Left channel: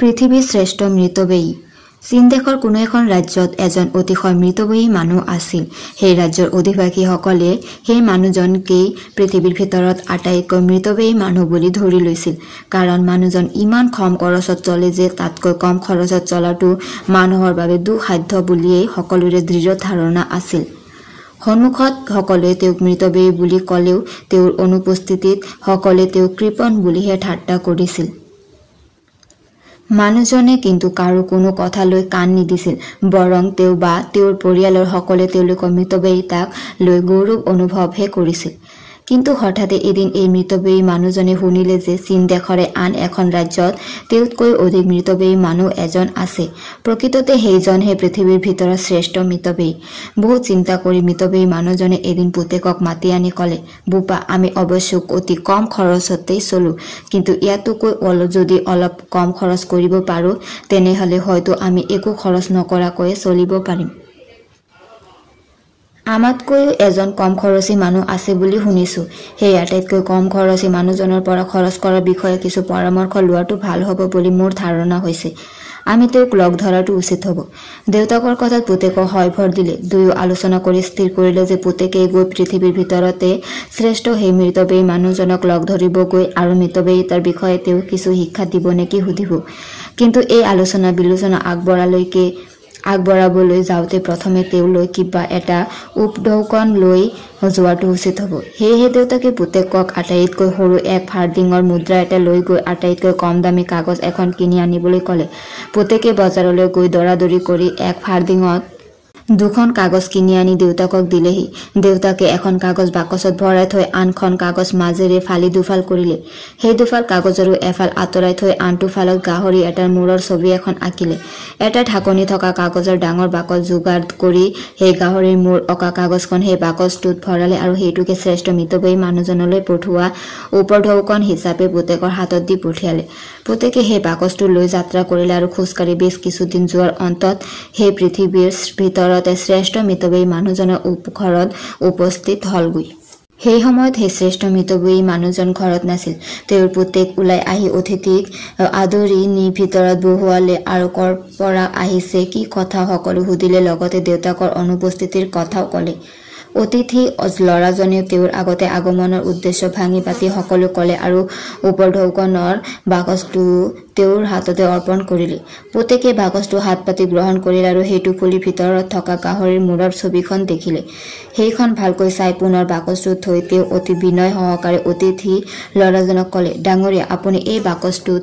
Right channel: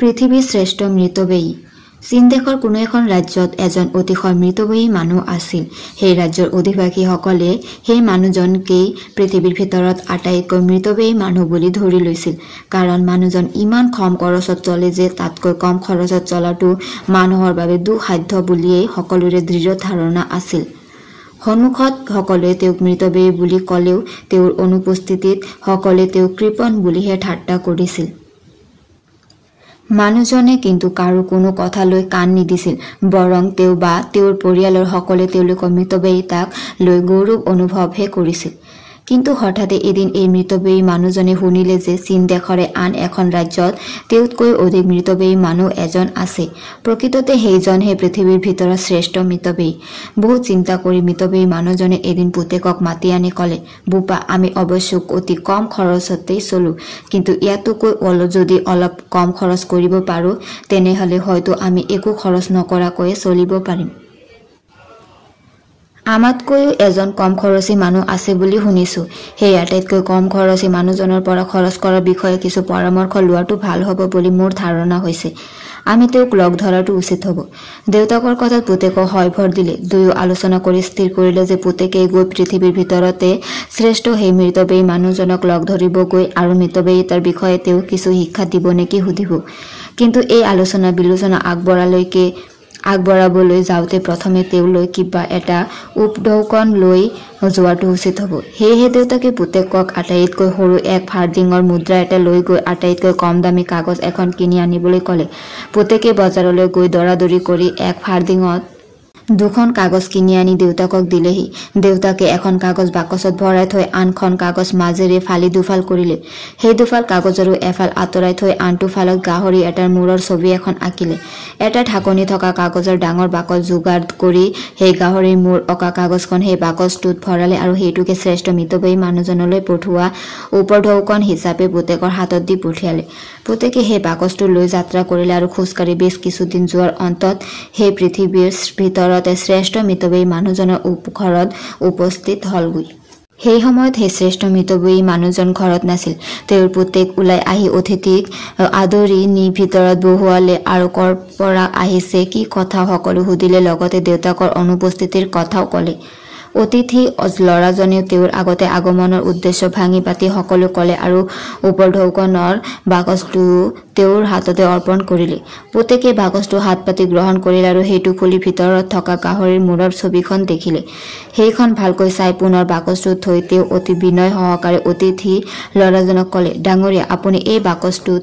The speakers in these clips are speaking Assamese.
পৃথিৱীৰ শ্ৰেষ্ঠ মৃতব্যয়ী চীন দেশৰ কোনো এখন ৰাজ্যত এজন অতিশয় মৃতব্যয়ী মানুহ আছিল। সেই ৰাজ্যৰ অধিবাসীসকলে সেই মানুহজনকেই পৃথিৱীৰ ভিতৰত আটাইতকৈ মৃতব্যয়ী মানুহ বুলি ধৰি লৈছিল। কাৰণ মানুহজন ইমান কম খৰচত চলে যে তাতকৈ কম খৰচত চলাটো মানুহৰ বাবে দুঃসাধ্য বুলিয়েই সকলোৰে দৃঢ় ধাৰণা আছিল। সন্মুখত সকলোৱে তেওঁক মৃতব্যয়ী বুলি ক'লেও তেওঁৰ অনুপস্থিতিত সকলোৱে তেওঁক কৃপণ বুলিহে ঠাট্টা কৰিছিল। মানুহজনে কিন্তু কাৰো কোনো কথালৈ কাণ নিদিছিল, বৰং তেওঁ বা তেওঁৰ পৰিয়ালৰ সকলোৱে তেওঁলোকৰ মৃতব্যয়িতাক লৈ গৌৰৱ অনুভৱহে কৰিছিল। কিন্তু হঠাতে এদিন এই মৃতব্যয়ী মানুহজনে শুনিলে যে চীন দেশৰে আন এখন ৰাজ্যত তেওঁতকৈ অধিক মৃতব্যয়ী মানুহ এজন আছে। প্ৰকৃততে সেইজনহে পৃথিৱীৰ ভিতৰত শ্ৰেষ্ঠ মৃতব্যয়ী। বহুত চিন্তা কৰি মৃতব্যয়ী মানুহজনে এদিন পুতেকক মাতি আনি ক'লে, বোপা, আমি অৱশ্য অতি কম খৰচতেই চলো, কিন্তু ইয়াতকৈ যদি অলপ কম খৰচ কৰিব পাৰো তেনেহলে হয়তো আমি একো খৰচ নকৰাকৈয়ে চলিব পাৰিম। আমাতকৈও এজন কম খৰচী মানুহ আছে বুলি শুনিছো। সেই আটাইতকৈ কম খৰচী মানুহজনৰ পৰা খৰচ কৰাৰ বিষয়ে কিছু পৰামৰ্শ লোৱাটো ভাল হ'ব বুলি মোৰ ধাৰণা হৈছে। আমি তেওঁক লগ ধৰাটো উচিত হ'ব। দেউতাকৰ কথাত পুতেকক হয় ভৰ দিলে। দুয়ো আলোচনা কৰি স্থিৰ কৰিলে যে পুতেকে গৈ পৃথিৱীৰ ভিতৰতে শ্ৰেষ্ঠ সেই মৃতব্যয়ী মানুহজনক লগ ধৰিবগৈ আৰু মৃতব্যয়িতাৰ বিষয়ে তেওঁ কিছু শিক্ষা দিব নেকি সুধিব। কিন্তু এই আলোচনা বিলোচনা আগবঢ়াবলৈ যাওঁতে প্ৰথমে তেওঁলৈ কিবা এটা উপঢৌকন লৈ যোৱাটো উচিত হ'ব। সেয়েহে দেউতাকে পুতেকক আটাইতকৈ সৰু এক ফাৰ্ডিঙৰ মুদ্ৰা এটা লৈ গৈ আটাইতকৈ কম দামী কাগজ এখন কিনি আনিবলৈ ক'লে। পুতেকে বজাৰলৈ গৈ দৰাদৰি কৰি এক ফাৰ্ডিঙত দুখন কাগজ কিনি আনি দেউতাকক দিলেহি। দেউতাকে এখন কাগজ বাকচত ভৰাই থৈ আনখন কাগজ মাজেৰে ফালি দুফাল কৰিলে। সেই দুফাল কাগজৰো এফাল আঁতৰাই থৈ আনটো ফালত গাহৰি এটাৰ মূৰৰ ছবি এখন আঁকিলে। এটা ঢাকনি থকা কাগজৰ ডাঙৰ বাকচ যোগাৰ কৰি সেই গাহৰিৰ মূৰ অঁকা কাগজখন সেই বাকচটোত ভৰালে আৰু সেইটোকে শ্ৰেষ্ঠ মৃতব্যয়ী মানুহজনলৈ পঠোৱা উপঢৌকন হিচাপে পুতেকৰ হাতত দি পঠিয়ালে। পুতেকে সেই বাকচটো লৈ যাত্ৰা কৰিলে আৰু খোজকাঢ়ি বেছ কিছুদিন যোৱাৰ অন্তত সেই পৃথিৱীৰ ভিতৰতে শ্ৰেষ্ঠ মৃতব্যয়ী মানুহজনৰ ঘৰত উপস্থিত হলগৈ। সেই সময়ত সেই শ্ৰেষ্ঠ মৃতব্যয়ী মানুহজন ঘৰত নাছিল। তেওঁৰ পুতেক ওলাই আহি অতিথিক আদৰি নি ভিতৰত বহুৱালে আৰু কৰ পৰা আহিছে, কি কথা সকলো সুধিলে, লগতে দেউতাকৰ অনুপস্থিতিৰ কথাও ক'লে। অতিথি ল'ৰাজনেও তেওঁৰ আগতে আগমনৰ উদ্দেশ্য ভাঙি পাতি সকলো ক'লে আৰু উপঢৌকনৰ বাকচটো তেওঁৰ হাততে অৰ্পণ কৰিলে। পুতেকে বাকচটো হাত পাতি গ্ৰহণ কৰিলে আৰু সেইটো খুলি ভিতৰত থকা গাহৰিৰ মূৰৰ ছবিখন দেখিলে। সেইখন ভালকৈ চাই পুনৰ বাকচটোত থৈ তেওঁ অতি বিনয় সহকাৰে অতিথি ল'ৰাজনক ক'লে, ডাঙৰীয়া, আপুনি এই বাকচটোত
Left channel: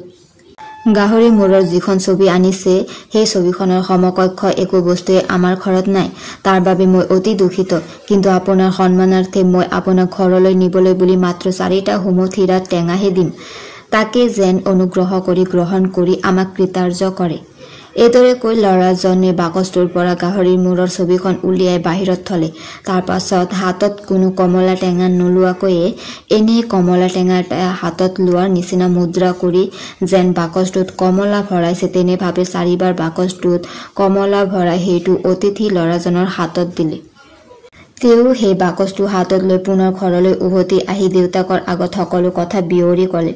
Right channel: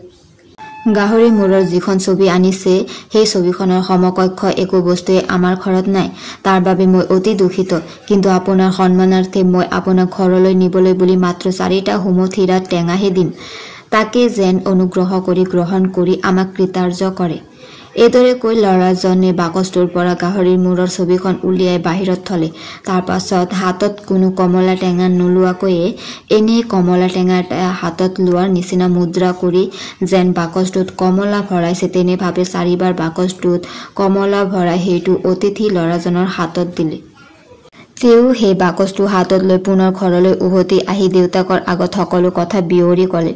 গাহৰি মূৰৰ যিখন ছবি আনিছে সেই ছবিখনৰ সমকক্ষ একো বস্তুৱে আমাৰ ঘৰত নাই। তাৰ বাবে মই অতি দুখিত, কিন্তু আপোনাৰ সন্মানাৰ্থে মই আপোনাক ঘৰলৈ নিবলৈ বুলি মাত্ৰ 4টা হুমথিৰা টেঙাহে দিম। তাকে যেন অনুগ্ৰহ কৰি গ্ৰহণ কৰি আমাক কৃতাৰ্য কৰে। এইদৰে কৈ ল'ৰাজনে বাকচটোৰ পৰা গাহৰিৰ মূৰৰ ছবিখন উলিয়াই বাহিৰত থলে। তাৰ পাছত হাতত কোনো কমলা টেঙা নোলোৱাকৈয়ে এনেই কমলা টেঙা এটা হাতত লোৱাৰ নিচিনা মুদ্ৰা কৰি যেন বাকচটোত কমলা ভৰাইছে তেনেভাৱে 4বাৰ বাকচটোত কমলা ভৰাই সেইটো অতিথি ল'ৰাজনৰ হাতত দিলে। তেওঁ সেই বাকচটো হাতত লৈ পুনৰ ঘৰলৈ উভতি আহি দেউতাকৰ আগত সকলো কথা বিৱৰি ক'লে।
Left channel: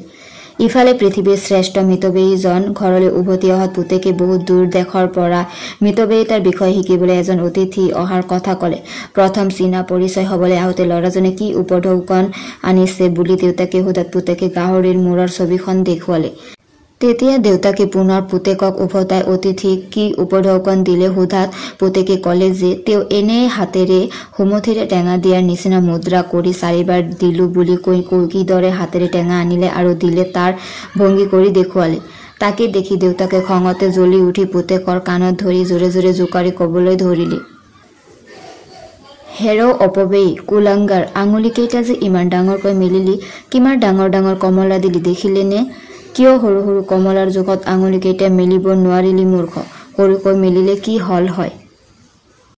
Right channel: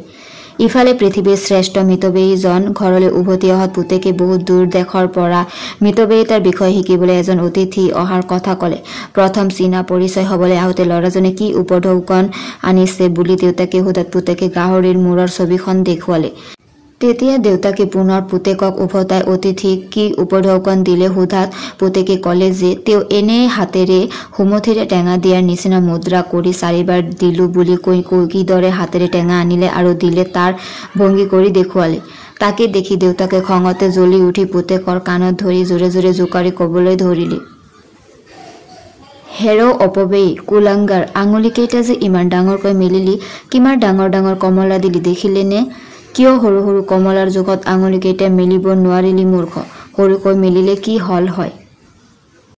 ইফালে পৃথিৱীৰ শ্ৰেষ্ঠ মৃতব্যয়ীজন ঘৰলৈ উভতি অহাত পুতেকে বহুত দূৰ দেশৰ পৰা মৃতব্যয়িতাৰ বিষয়ে শিকিবলৈ এজন অতিথি অহাৰ কথা ক'লে। প্ৰথম চীনা পৰিচয় হ'বলৈ আহোঁতে ল'ৰাজনে কি উপঢৌকন আনিছে বুলি দেউতাকে সোধাত পুতেকে গাহৰিৰ মূৰৰ ছবিখন দেখুৱালে। তেতিয়া দেউতাকে পুনৰ পুতেকক উভতাই অতিথিক কি উপঢৌকন দিলে সোধাত পুতেকে ক'লে যে তেওঁ এনে হাতেৰে হুমথিৰে টেঙা দিয়াৰ নিচিনা মুদ্ৰা কৰি 4বাৰ দিলো বুলি কৈ কিদৰে হাতেৰে টেঙা আনিলে আৰু দিলে তাৰ ভংগী কৰি দেখুৱালে। তাকে দেখি দেউতাকে খঙতে জ্বলি উঠি পুতেকৰ কাণত ধৰি জোৰে জোৰে জোকাৰি ক'বলৈ ধৰিলে, হেৰ' অপব্যয়ী, কুলাংগাৰ, আঙুলিকেইটা যে ইমান ডাঙৰকৈ মেলিলি, কিমান ডাঙৰ ডাঙৰ কমলা দিলি দেখিলে নে? কিয় সৰু সৰু কমলাৰ জোখত আঙুলিকেইটা মেলিব নোৱাৰিলি মূৰ্খ? সৰুকৈ মেলিলে কি হল হয়?